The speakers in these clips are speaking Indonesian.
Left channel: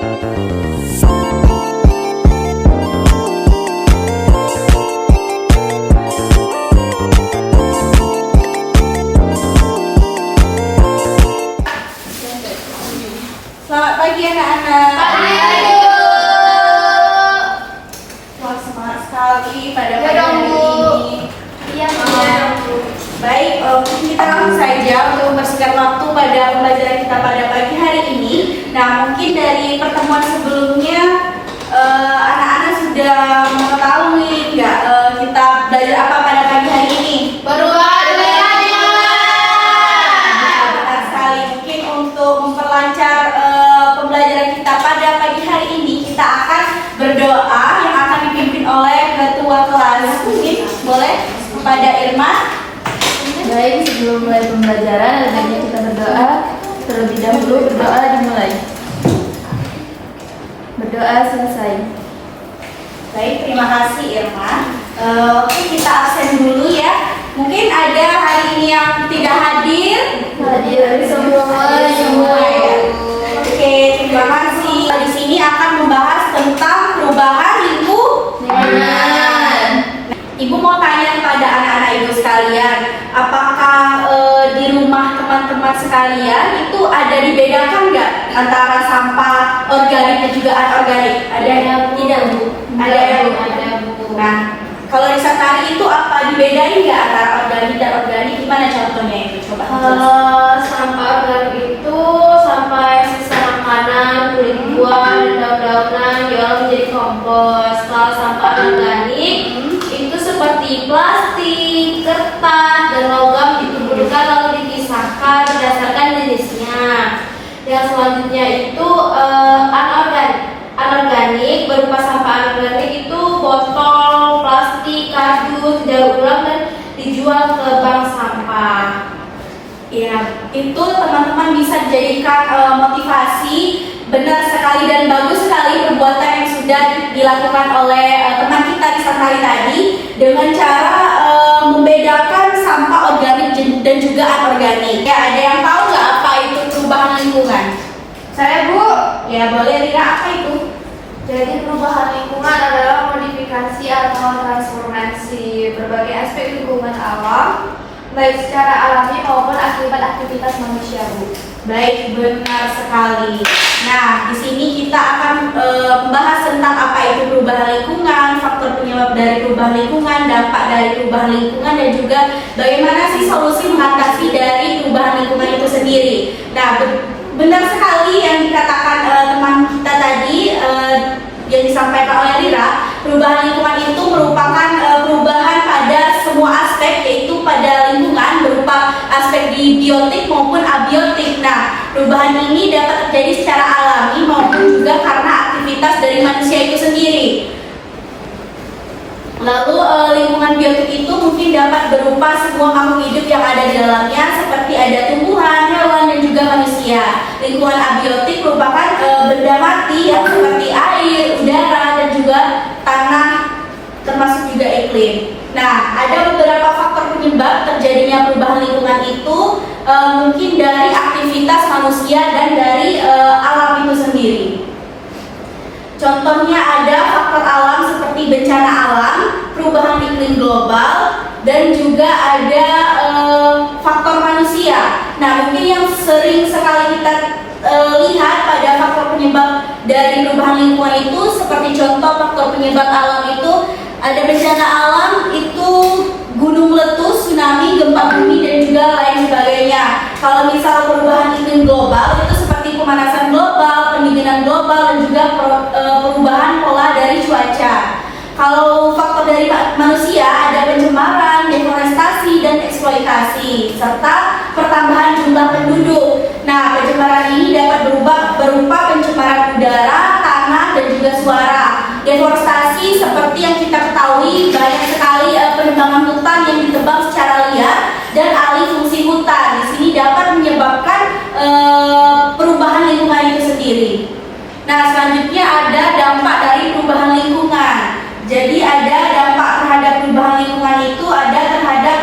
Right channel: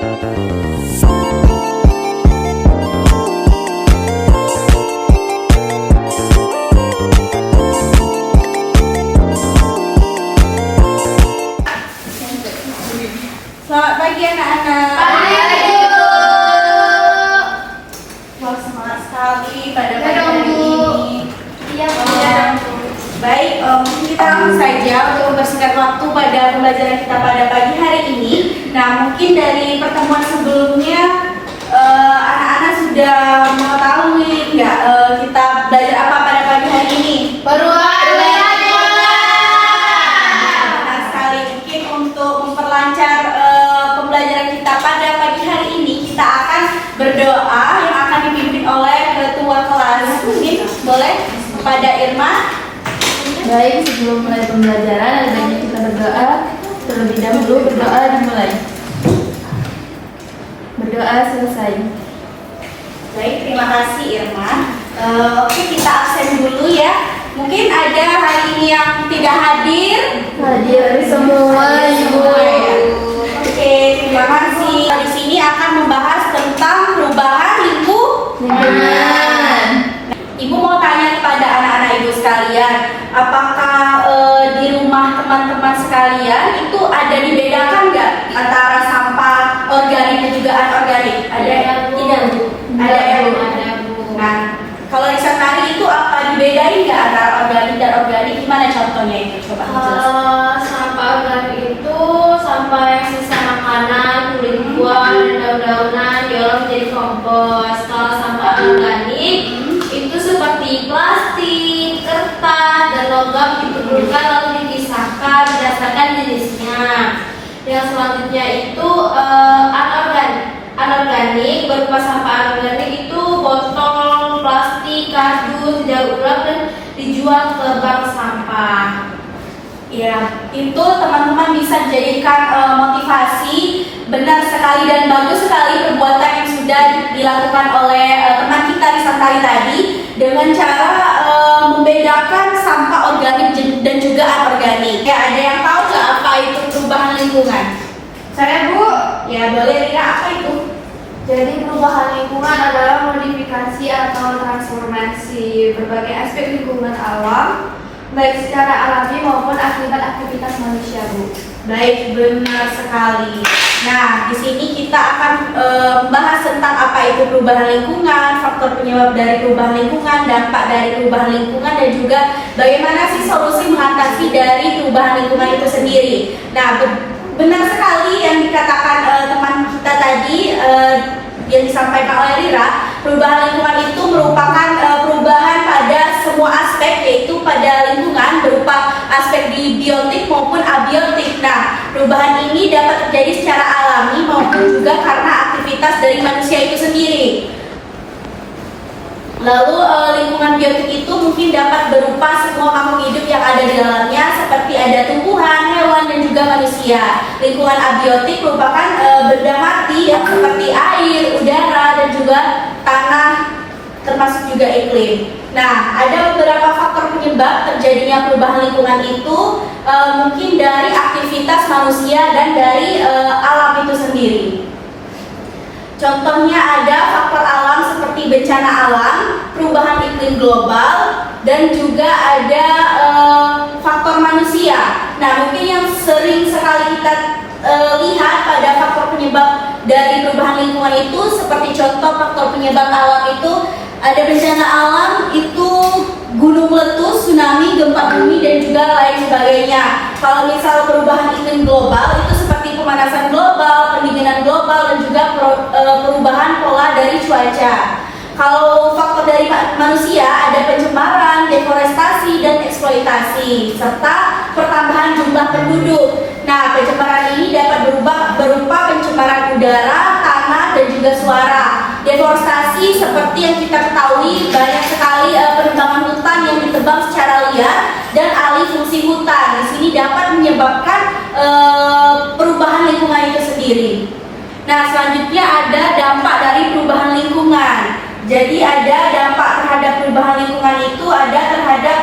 Selamat pagi anak-anak. Wah, semangat sekali pada pagi hari ini. Baik, mungkin kita langsung saja untuk mempersingkat waktu pada pembelajaran kita pada pagi hari ini. Nah, mungkin dari pertemuan sebelumnya anak-anak sudah mengetahui nggak kita belajar apa pada pagi hari ini? Benar sekali. Mungkin untuk memperlancar pembelajaran kita pada pagi hari ini, kita akan berdoa yang akan dipimpin oleh ketua kelas. Mungkin boleh kepada Irma. Baik, sebelum mulai pembelajaran, ada baiknya kita berdoa. Terlebih dahulu berdoa dimulai. Berdoa selesai. Baik, terima kasih Irma. Oke, kita absen dulu ya. Mungkin ada hari ini yang tidak hadir. Hadir semua Ya. Oke, terima kasih. Di sini akan membahas tentang perubahan lingkungan. Ibu mau tanya kepada anak-anak ibu sekalian, apakah di rumah teman-teman sekalian itu ada dibedakan nggak antara sampah organik dan juga anorganik? Ada yang tidak, Bu? Ada ya, Bu? Nah, kalau yang sekali itu apa dibedain nggak antara organik dan organik? Gimana contohnya itu? Coba jelaskan. Kalau sampah organik itu sampah yang sisa makanan, kulit buah, daun-daunan diolah menjadi kompos. Kalau sampah organik itu seperti plastik, kertas, dan logam dikumpulkan lalu dipisahkan berdasarkan jenisnya. Yang selanjutnya itu anorganik berupa sampah anorganik itu botol, plastik, kardus, daur ulang dan dijual ke bank sampah. Ya, itu teman-teman bisa dijadikan motivasi. Benar sekali dan bagus sekali perbuatan yang sudah dilakukan oleh teman kita di Santari tadi dengan cara membedakan sampah organik dan juga anorganik. Ya, ada yang tahu nggak apa itu perubahan lingkungan? Saya, Bu. Ya, boleh Rira, apa itu? Jadi perubahan lingkungan adalah modifikasi atau transformasi berbagai aspek lingkungan alam, baik secara alami maupun akibat aktivitas manusia, Bu. Baik, benar sekali. Nah, di sini kita akan membahas tentang apa itu perubahan lingkungan, faktor penyebab dari perubahan lingkungan, dampak dari perubahan lingkungan, dan juga bagaimana sih solusi mengatasi dari perubahan lingkungan itu sendiri. Nah, benar sekali yang dikatakan teman kita tadi, yang disampaikan oleh Rira. Perubahan lingkungan itu merupakan perubahan pada semua aspek, yaitu pada lingkungan berupa aspek di biotik maupun abiotik. Nah, perubahan ini dapat terjadi secara alami maupun juga karena aktivitas dari manusia itu sendiri. Lalu lingkungan biotik itu mungkin dapat berupa semua makhluk hidup yang ada di dalamnya, seperti ada tumbuhan, hewan, dan juga manusia. Lingkungan abiotik merupakan benda mati yang seperti air, udara, dan juga tanah, termasuk juga iklim. Nah, ada beberapa faktor penyebab terjadinya perubahan lingkungan itu, mungkin dari aktivitas manusia dan dari alam itu sendiri. Contohnya ada faktor alam seperti bencana alam, perubahan iklim global, dan juga ada faktor manusia. Nah, mungkin yang sering sekali kita lihat pada faktor penyebab dari perubahan lingkungan itu, seperti contoh faktor penyebab alam itu ada bencana alam itu gunung meletus, tsunami, gempa bumi, dan juga lain sebagainya. Kalau misal perubahan iklim global itu seperti pemanasan global, pendinginan global, dan juga perubahan pola dari cuaca. Kalau faktor dari manusia ada pencemaran, deforestasi, dan eksploitasi, serta pertambahan jumlah penduduk. Nah, pencemaran ini dapat berupa pencemaran udara, tanah, dan juga suara. Deforestasi seperti yang kita ketahui banyak sekali penebangan hutan yang ditebang secara liar dan alih fungsi hutan. Di sini dapat menyebabkan perubahan lingkungan itu sendiri. Nah, selanjutnya ada dampak dari perubahan lingkungan. Jadi ada dampak terhadap perubahan lingkungan itu ada terhadap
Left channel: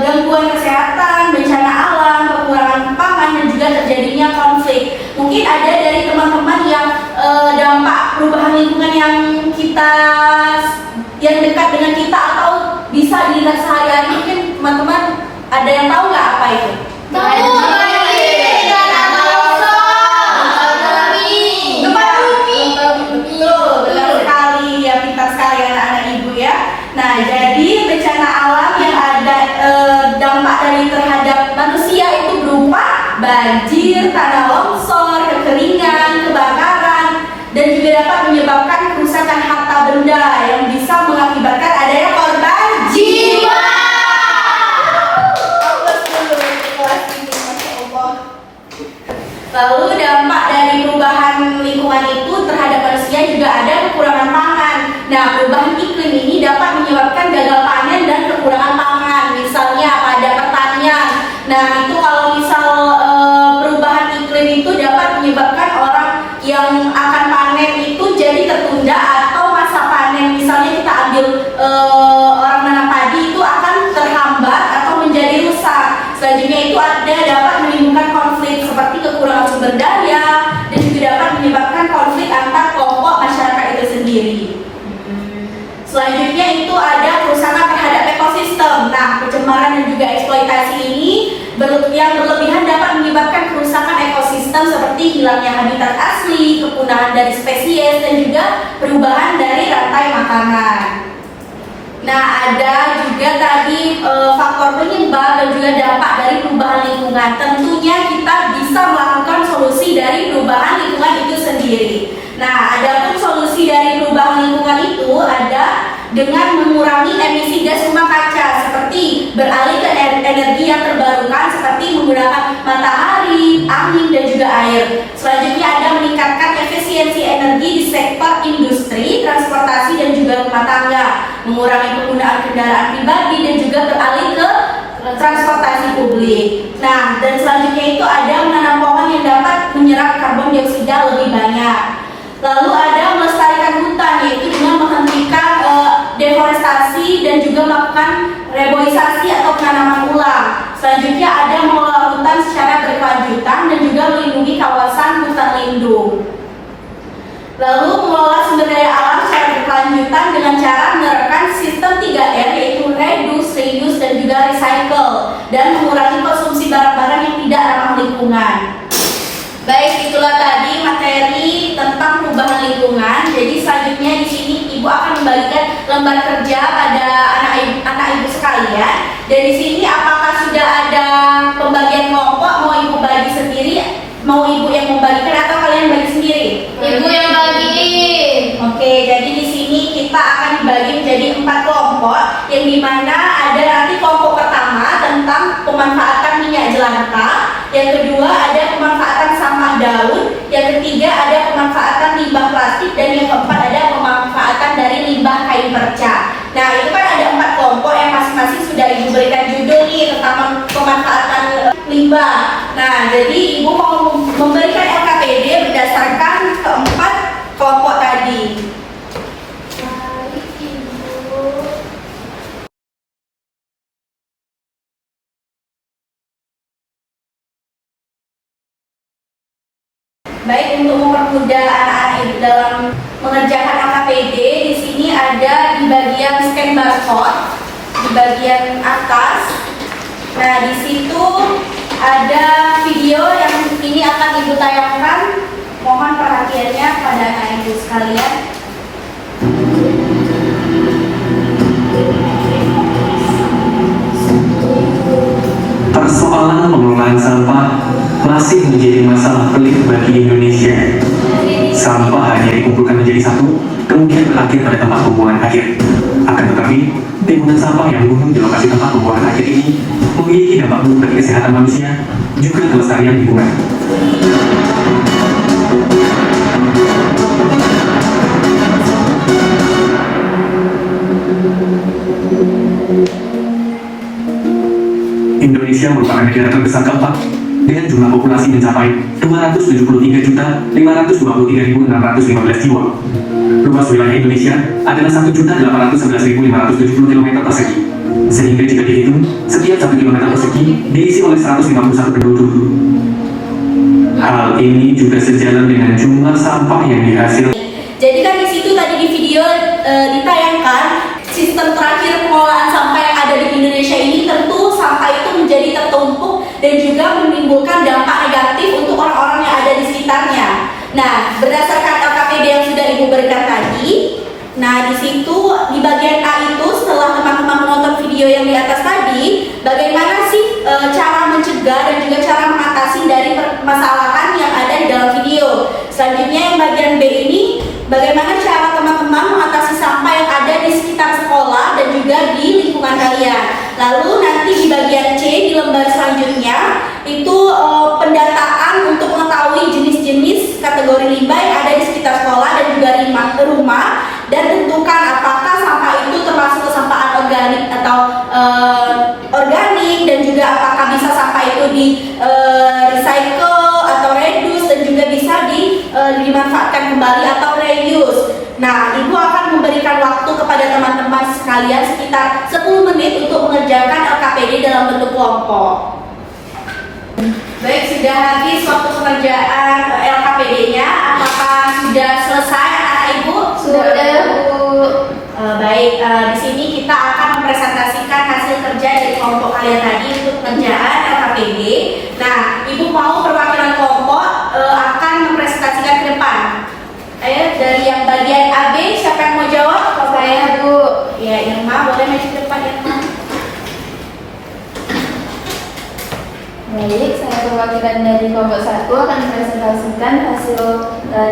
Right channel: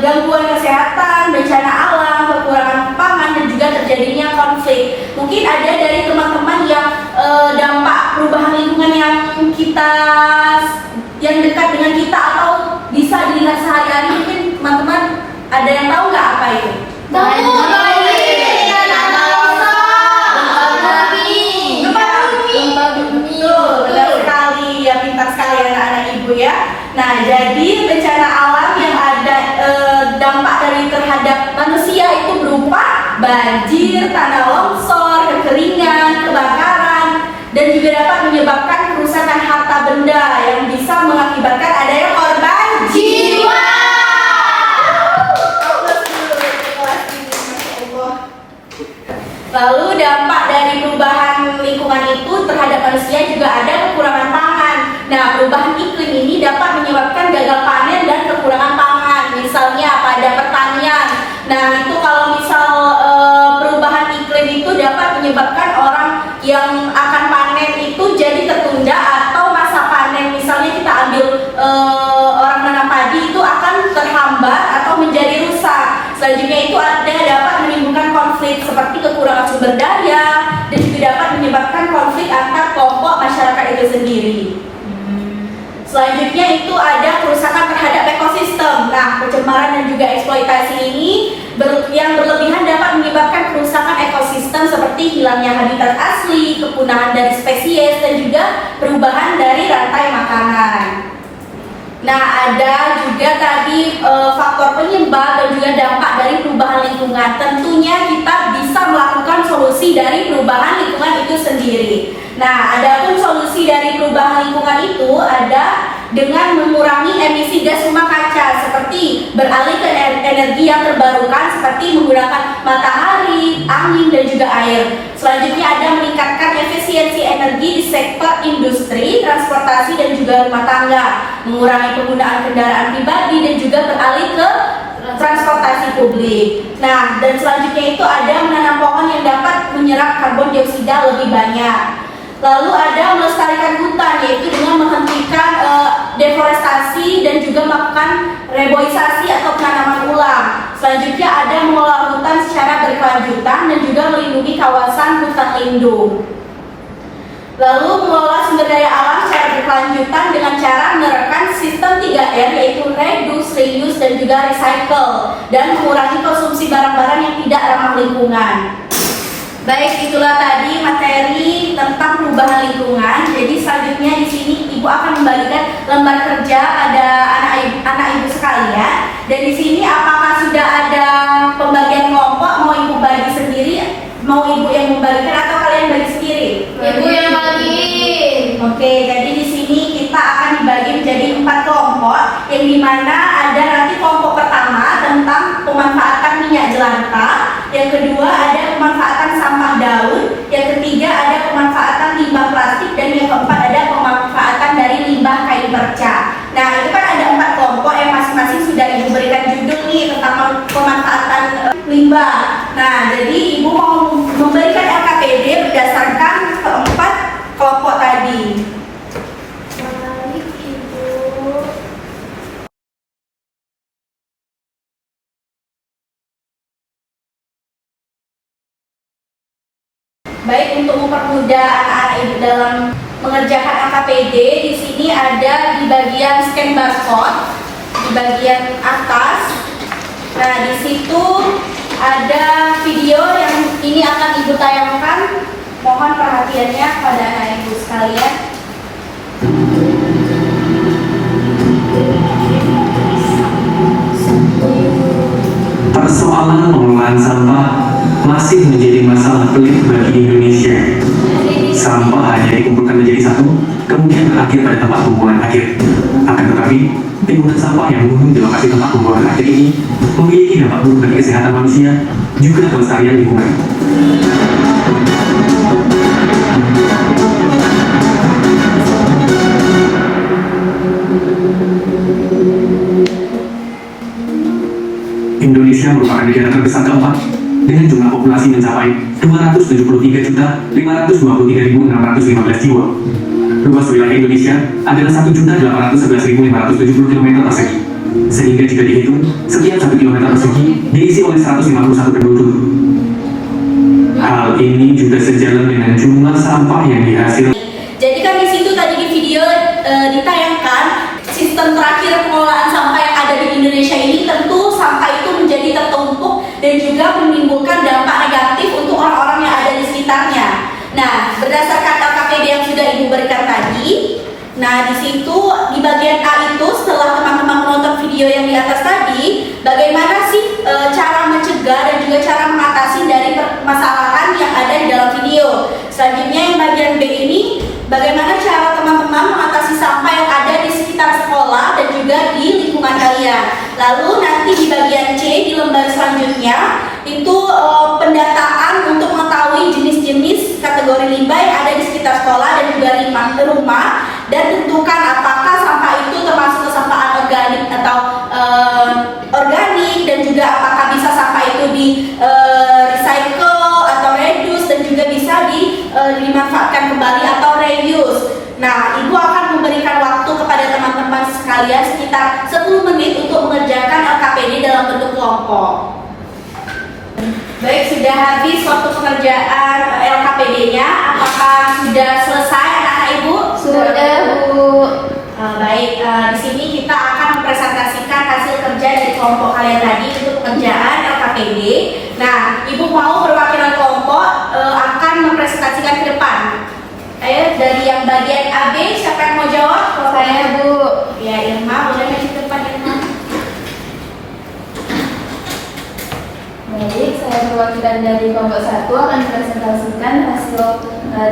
gangguan kesehatan, bencana alam, kekurangan pangan, dan juga terjadinya konflik. Mungkin ada dari teman-teman nih dampak perubahan lingkungan yang dekat dengan kita atau bisa dilihat sehari-hari. Mungkin teman-teman ada yang tahu nggak apa itu? Pintar sekali anak-anak ibu ya. Nah, jadi bencana alam yang ada dampak dari terhadap manusia itu berupa banjir, tanah longsor, kekeringan, kebakaran, dan juga dapat menyebabkan kerusakan harta benda yang bisa mengakibatkan adanya korban jiwa. Lalu dampak dari perubahan lingkungan itu terhadap manusia juga ada kekurangan pangan. Nah, perubahan iklim ini dapat menyebabkan gagal panen dan kekurangan pangan. Misalnya pada pertanian. Nah, itu kalau misal perubahan iklim itu dapat menyebabkan orang yang akan panen itu jadi tertunda, atau masa panen misalnya kita ambil orang menanam padi itu akan terhambat atau menjadi rusak. Selanjutnya itu dapat menimbulkan konflik seperti kekurangan sumber daya dan juga dapat menyebabkan konflik antar kelompok masyarakat itu sendiri. Selanjutnya itu ada kerusakan terhadap ekosistem. Nah, pencemaran dan juga eksploitasi ini yang berlebihan dapat menyebabkan kerusakan ekosistem seperti hilangnya habitat asli, kepunahan dari spesies, dan juga perubahan dari rantai makanan. Nah, ada juga tadi faktor penyebab dan juga dampak dari perubahan lingkungan. Tentunya kita bisa melakukan solusi dari perubahan lingkungan itu sendiri. Nah, adapun solusi dari perubahan lingkungan itu ada dengan mengurangi emisi gas rumah kaca, seperti beralih ke energi yang terbarukan seperti menggunakan matahari, angin, dan juga air. Selanjutnya ada meningkatkan efisiensi energi di sektor industri, transportasi, dan juga rumah tangga, mengurangi penggunaan kendaraan pribadi, dan juga beralih ke transportasi publik. Nah, dan selanjutnya itu ada menanam pohon yang dapat menyerap karbon dioksida lebih banyak. Lalu ada melestarikan hutan, yaitu dengan menghentikan deforestasi dan juga melakukan reboisasi atau penanaman ulang. Selanjutnya ada mengelola hutan secara berkelanjutan dan juga melindungi kawasan hutan lindung. Lalu mengelola sumber daya alam secara berkelanjutan dengan cara menerapkan sistem 3R, yaitu reduce, reuse, dan juga recycle, dan mengurangi konsumsi barang-barang yang tidak ramah lingkungan. Baik, itulah tadi materi tentang perubahan lingkungan. Jadi selanjutnya di sini Ibu akan membagikan lembar kerja pada anak ibu sekalian. Dan di sini apakah sudah ada pembagian kelompok? Mau Ibu bagi sendiri? Mau Ibu yang membagikan atau kalian bagi sendiri? Ibu yang bagiin. Oke, jadi di sini kita akan dibagi menjadi 4 kelompok, yang dimana ada nanti kelompok pertama tentang pemanfaatan minyak jelantah, yang kedua ada pemanfaatan sampah daun, yang ketiga ada pemanfaatan limbah plastik, dan yang keempat ada pemanfaatan dari limbah kain perca. Nah, itu kan ada 4 kelompok yang masing-masing sudah Ibu berikan judul nih tentang pemanfaatan limbah. Nah, jadi Ibu mau memberikan LKPD berdasarkan keempat kelompok tadi. Baik, untuk mempermudah anak-anak ibu dalam mengerjakan LKPD, di sini ada di bagian scan barcode di bagian atas. Nah, di situ ada video yang ini akan Ibu tayangkan. Mohon perhatiannya pada anak ibu sekalian. Persoalan pengelolaan sampah masih menjadi masalah pelik bagi Indonesia. Sampah hanya dikumpulkan menjadi satu, kemudian berakhir pada tempat pembuangan akhir. Akan tetapi, timbunan sampah yang gunung di lokasi tempat pembuangan akhir ini memiliki dampak buruk bagi kesehatan manusia, juga kelestarian lingkungan. Indonesia merupakan negara terbesar keempat dengan jumlah populasi mencapai 273.523.615 jiwa. Luas wilayah Indonesia adalah 1.811.570 km persegi, sehingga jika dihitung, setiap 1 km persegi diisi oleh 151 penduduk. Hal ini juga sejalan dengan jumlah sampah yang dihasilkan. Jadi kan di situ tadi di video ditayangkan sistem terakhir pengelolaan sampah yang ada di Indonesia ini, tentu sampah itu menjadi tertumpuk dan juga menimbulkan dampak negatif untuk orang-orang yang ada di sekitarnya. Nah, berdasarkan LKPD yang sudah Ibu berikan tadi, nah di situ di bagian A itu setelah teman-teman menonton video yang di atas tadi, bagaimana sih cara mencegah dan juga cara mengatasi dari permasalahan yang ada di dalam video. Selanjutnya yang bagian B ini, bagaimana cara teman-teman mengatasi sampah yang ada di sekitar sekolah dan juga di lingkungan kalian. Lalu nanti di bagian C di lembar selanjutnya itu pendataan untuk mengetahui jenis-jenis kategori limbah yang ada di sekitar sekolah dan juga rumah, dan tentukan apakah sampah itu termasuk kesampahan organik atau organik, dan juga apakah bisa sampah itu di recycle atau reduce, dan juga bisa dimanfaatkan kembali atau reuse. Nah, Ibu akan memberikan waktu kepada teman-teman sekalian sekitar 10 menit untuk mengerjakan LKPD dalam bentuk kelompok. Baik, sudah habis waktu pengerjaan LKPD-nya. Apakah sudah selesai anak-anak Ibu? Sudah, Bu. Baik, di sini kita akan mempresentasikan hasil kerja dari kelompok kalian tadi untuk pengerjaan LKPD. Nah, Ibu mau perwakilan kelompok akan mempresentasikan ke depan. Ayo, dari yang bagian AB, siapa yang mau jawab? Saya, Bu. Ya, Irma, boleh maju ke depan, Irma. Baik, saya perwakilan dari kelompok 1 akan mempresentasikan hasil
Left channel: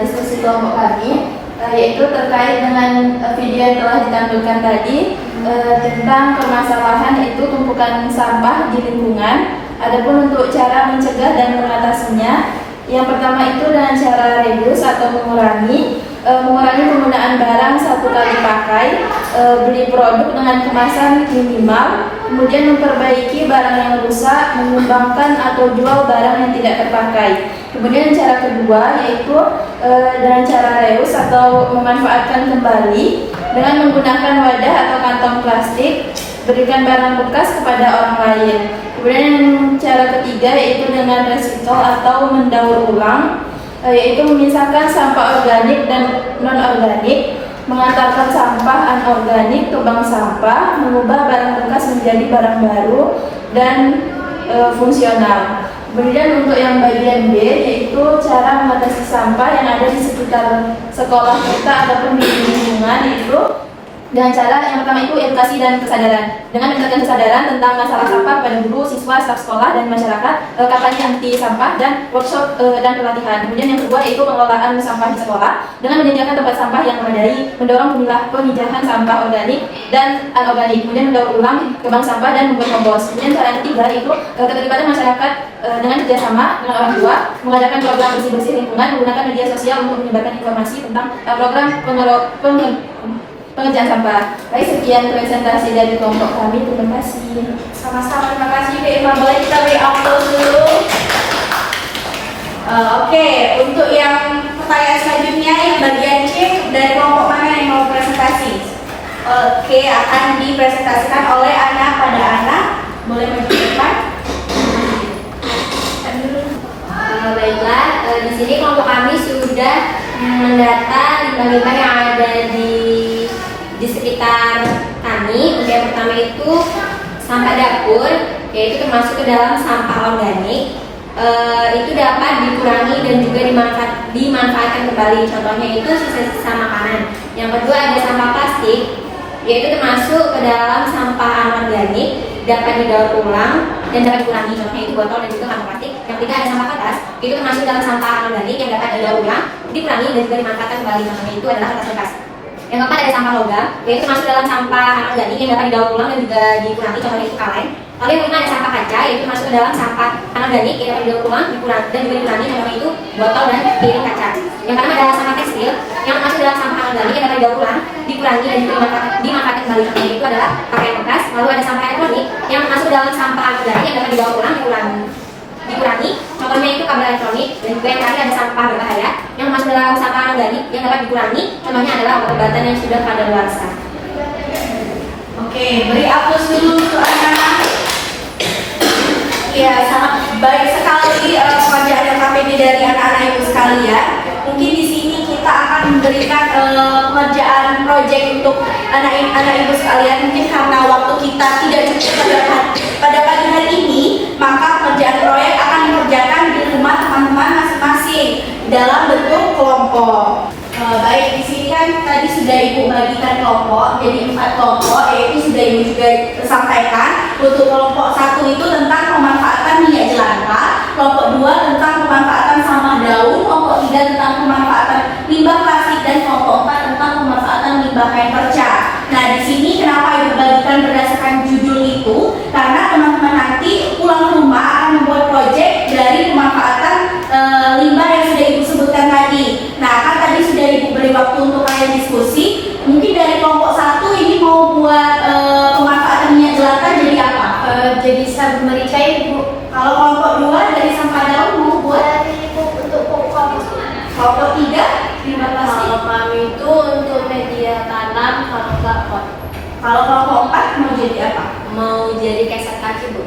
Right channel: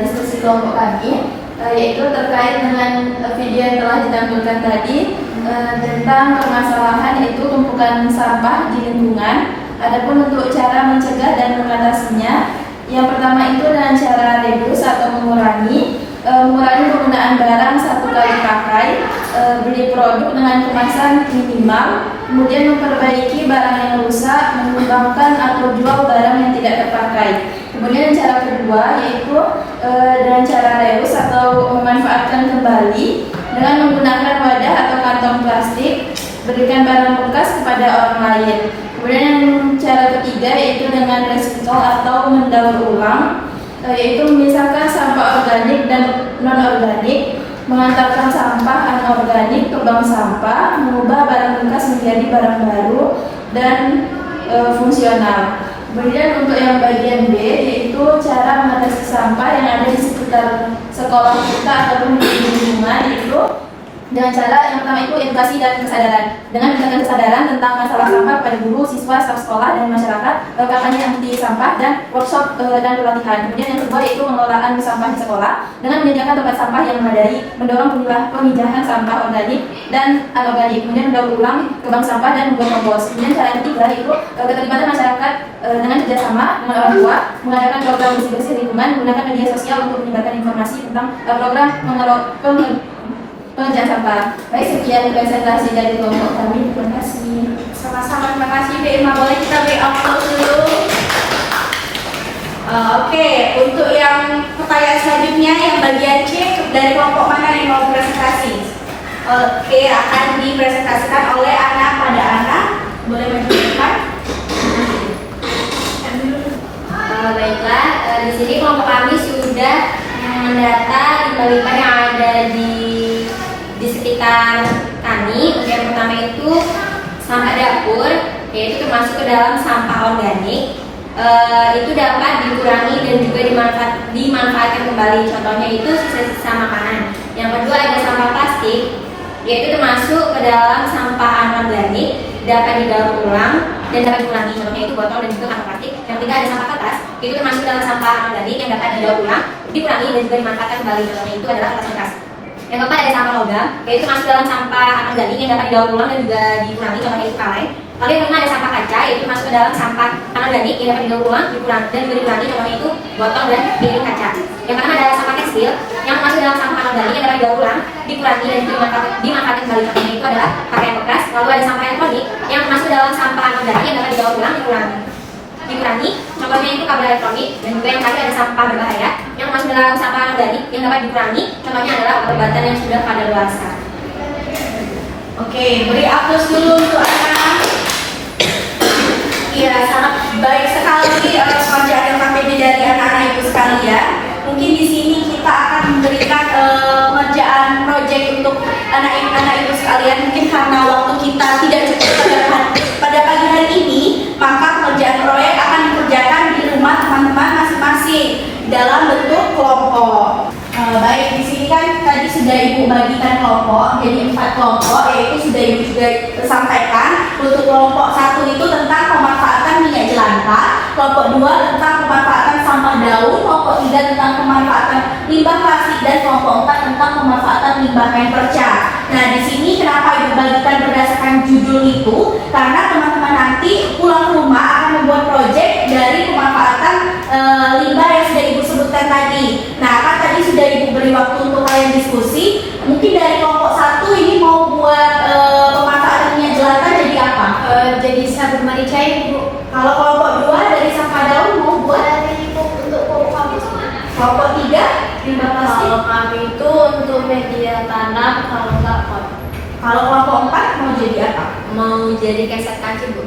diskusi kelompok kami, yaitu terkait dengan video yang telah ditampilkan tadi tentang permasalahan itu tumpukan sampah di lingkungan. Adapun untuk cara mencegah dan mengatasinya, yang pertama itu dengan cara reduce atau mengurangi penggunaan barang satu kali pakai, beli produk dengan kemasan minimal, kemudian memperbaiki barang yang rusak, menyumbangkan atau jual barang yang tidak terpakai. Kemudian cara kedua yaitu dengan cara reuse atau memanfaatkan kembali dengan menggunakan wadah atau kantong plastik, berikan barang bekas kepada orang lain. Kemudian cara ketiga yaitu dengan recycle atau mendaur ulang, yaitu memisahkan sampah organik dan non-organik, mengantarkan sampah anorganik ke bank sampah, mengubah barang bekas menjadi barang baru dan fungsional. Kemudian untuk yang bagian B yaitu cara mengatasi sampah yang ada di sekitar sekolah kita ataupun di lingkungan, itu dengan cara yang pertama itu edukasi dan kesadaran, dengan meningkatkan kesadaran tentang masalah sampah pada guru, siswa, staf sekolah dan masyarakat, kampanye anti sampah dan workshop dan pelatihan. Kemudian yang kedua itu pengelolaan sampah di sekolah dengan menyediakan tempat sampah yang memadai, mendorong pemijahan sampah organik dan anorganik, kemudian mendaur ulang ke bank sampah dan membuat kompos. Kemudian cara yang ketiga itu keterlibatan masyarakat dengan kerjasama dengan orang tua, mengadakan program bersih-bersih lingkungan, menggunakan media sosial untuk menyebarkan informasi tentang program pengerjaan sampah. Baik, sekian presentasi dari kelompok kami. Terima kasih. Sama-sama, terima kasih Kak Irma. Boleh kita beri aplaus dulu. Oke, untuk yang pertanyaan selanjutnya yang bagian C, dari kelompok mana yang mau presentasi? Oke, akan dipresentasikan oleh anak pada anak. Boleh maju ke depan. Baiklah, di sini kelompok kami sudah mendata limbah-limbah yang ada di sekitar kami. Untuk yang pertama itu sampah dapur, yaitu termasuk ke dalam sampah organik. Itu dapat dikurangi dan juga dimanfaatkan kembali. Contohnya itu sisa-sisa makanan. Yang kedua ada sampah plastik, yaitu termasuk ke dalam sampah anorganik, dapat didaur ulang dan dapat dikurangi. Contohnya itu botol dan juga kantong plastik. Yang ketiga ada sampah kertas, itu termasuk dalam sampah anorganik yang dapat didaur ulang, dikurangi dan juga dimanfaatkan kembali. Contohnya itu adalah kertas bekas. Yang keempat ada sampah logam, yaitu masuk dalam sampah anorganik yang dapat didaur ulang dan juga dikurangi. Contohnya itu kaleng. Lalu yang kelima ada sampah kaca, yaitu masuk ke dalam sampah anorganik yang dapat didaur ulang, dikurangi dan juga dikurangi. Contohnya itu botol dan piring kaca. Yang keenam ada sampah tekstil yang masuk dalam sampah anorganik yang dapat didaur ulang, dikurangi dan juga dimanfaatkan kembali. Contohnya itu adalah pakaian bekas. Lalu ada sampah elektronik yang masuk dalam sampah anorganik yang dapat didaur ulang, dikurangi. Contohnya itu kabel elektronik. Dan juga yang tadi ada sampah berbahaya yang masuk dalam sampah anorganik yang dapat dikurangi. Contohnya adalah obat-obatan yang sudah kadaluarsa. Oke, beri aplaus dulu untuk anak. Ya, sangat baik sekali pengerjaan LKPD dari anak-anak ibu sekalian. Mungkin di sini kita akan memberikan pengerjaan proyek untuk anak ibu sekalian. Mungkin karena waktu kita tidak cukup pada pagi hari ini, maka pengerjaan proyek akan dikerjakan di rumah teman-teman masing-masing dalam bentuk kelompok. Baik, di sini kan tadi sudah Ibu bagikan kelompok, jadi 4 kelompok, yaitu sudah Ibu juga sampaikan. Untuk kelompok 1 itu tentang pemanfaatan minyak jelantah, kelompok 2 tentang pemanfaatan sampah daun, kelompok 3 tentang pemanfaatan limbah plastik, dan kelompok 4 tentang pemanfaatan limbah kain perca. Nah, di sini kenapa Ibu bagikan berdasarkan judul itu? Karena teman-teman nanti pulang ke rumah akan membuat proyek dari pemanfaatan limbah yang sudah Ibu sebutkan tadi. Nah, kan tadi sudah Ibu beri waktu untuk kalian diskusi. Mungkin dari kelompok 1 ini mau buat pemanfaatan minyak jelantah jadi apa? Jadi sabun mandi cair, Bu. Kalau kelompok 2 dari sampah daun mau buat Dari untuk pupuk kampus. kelompok 3 limbah plastik. Kalau kami itu untuk media tanam, kalau enggak pot. Kalau kelompok 4 mau jadi apa? Mau jadi keset kaki, Bu.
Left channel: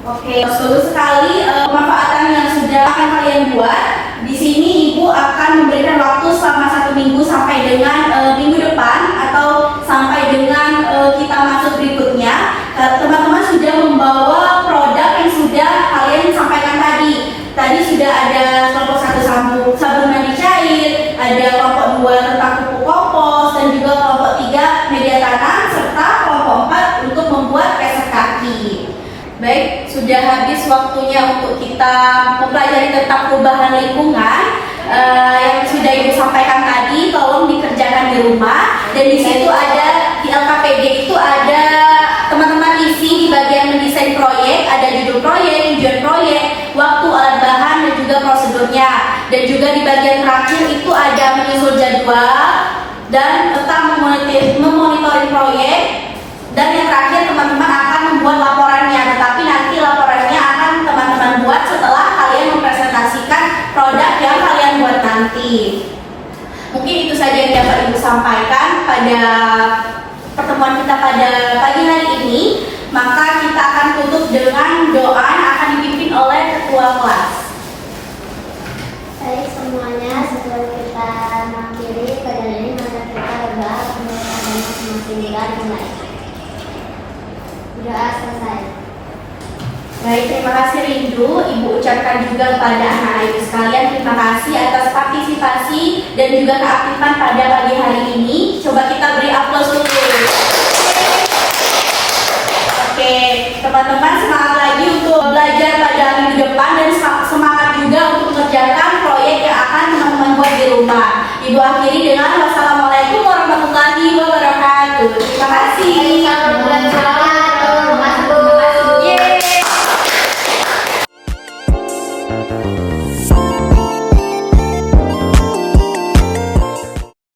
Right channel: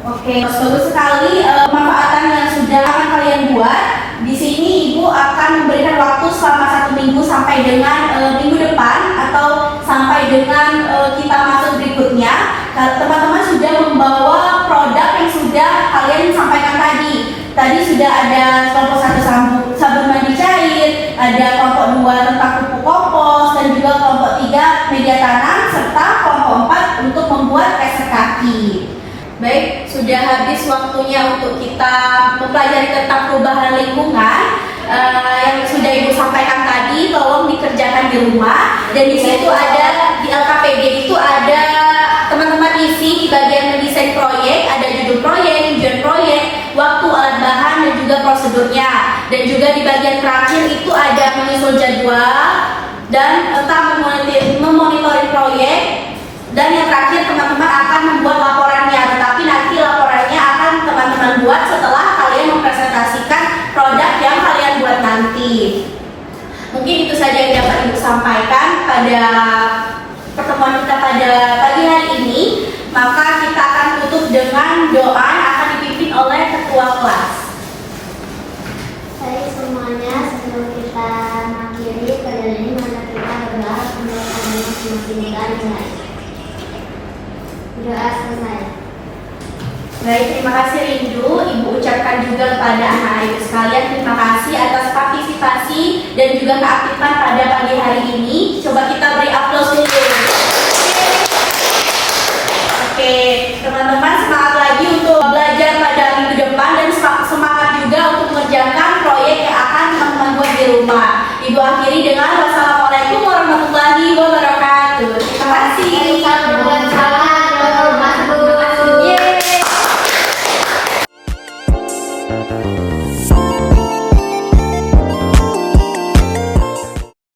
Oke, bagus sekali pemanfaatan yang sudah akan kalian buat. Di sini Ibu akan memberikan waktu selama 1 minggu sampai dengan minggu depan atau sampai dengan kita masuk berikutnya. Teman-teman sudah membawa produk yang sudah kalian sampaikan tadi. Tadi sudah ada kelompok 1 sabun mandi cair, ada kelompok 2 tentang pupuk kompos, dan juga kelompok 3 media tanam, serta kelompok 4 untuk membuat keset kaki. Baik, sudah habis waktunya untuk kita mempelajari tentang perubahan lingkungan yang sudah Ibu sampaikan tadi. Tolong dikerjakan di rumah, dan di situ ada di LKPD itu ada teman-teman isi di bagian mendesain proyek, ada judul proyek, tujuan proyek, waktu, alat bahan, dan juga prosedurnya. Dan juga di bagian terakhir itu ada menyusun jadwal dan tentang memonitoring proyek. Dan yang terakhir teman-teman akan membuat laporannya, tetapi nanti laporannya akan teman-teman buat setelah kalian mempresentasikan produk yang kalian buat nanti. Mungkin itu saja yang dapat Ibu sampaikan pada pertemuan kita pada pagi hari ini. Maka kita akan tutup dengan doa yang akan dipimpin oleh ketua kelas. Baik semuanya, sebelum kita mengakhiri kajian ini, mari kita berdoa semoga adanya semakin dimulai. Doa selesai. Baik, terima kasih Rindu. Ibu ucapkan juga kepada anak-anak ibu sekalian terima kasih atas partisipasi dan juga keaktifan pada pagi hari ini. Coba kita beri aplaus dulu. Oke, teman-teman semangat lagi untuk belajar pada minggu depan, dan semangat juga untuk mengerjakan proyek yang akan teman-teman buat di rumah. Ibu akhiri dengan wassalamualaikum warahmatullahi wabarakatuh. Terima kasih. Waalaikumsalam. Yeay.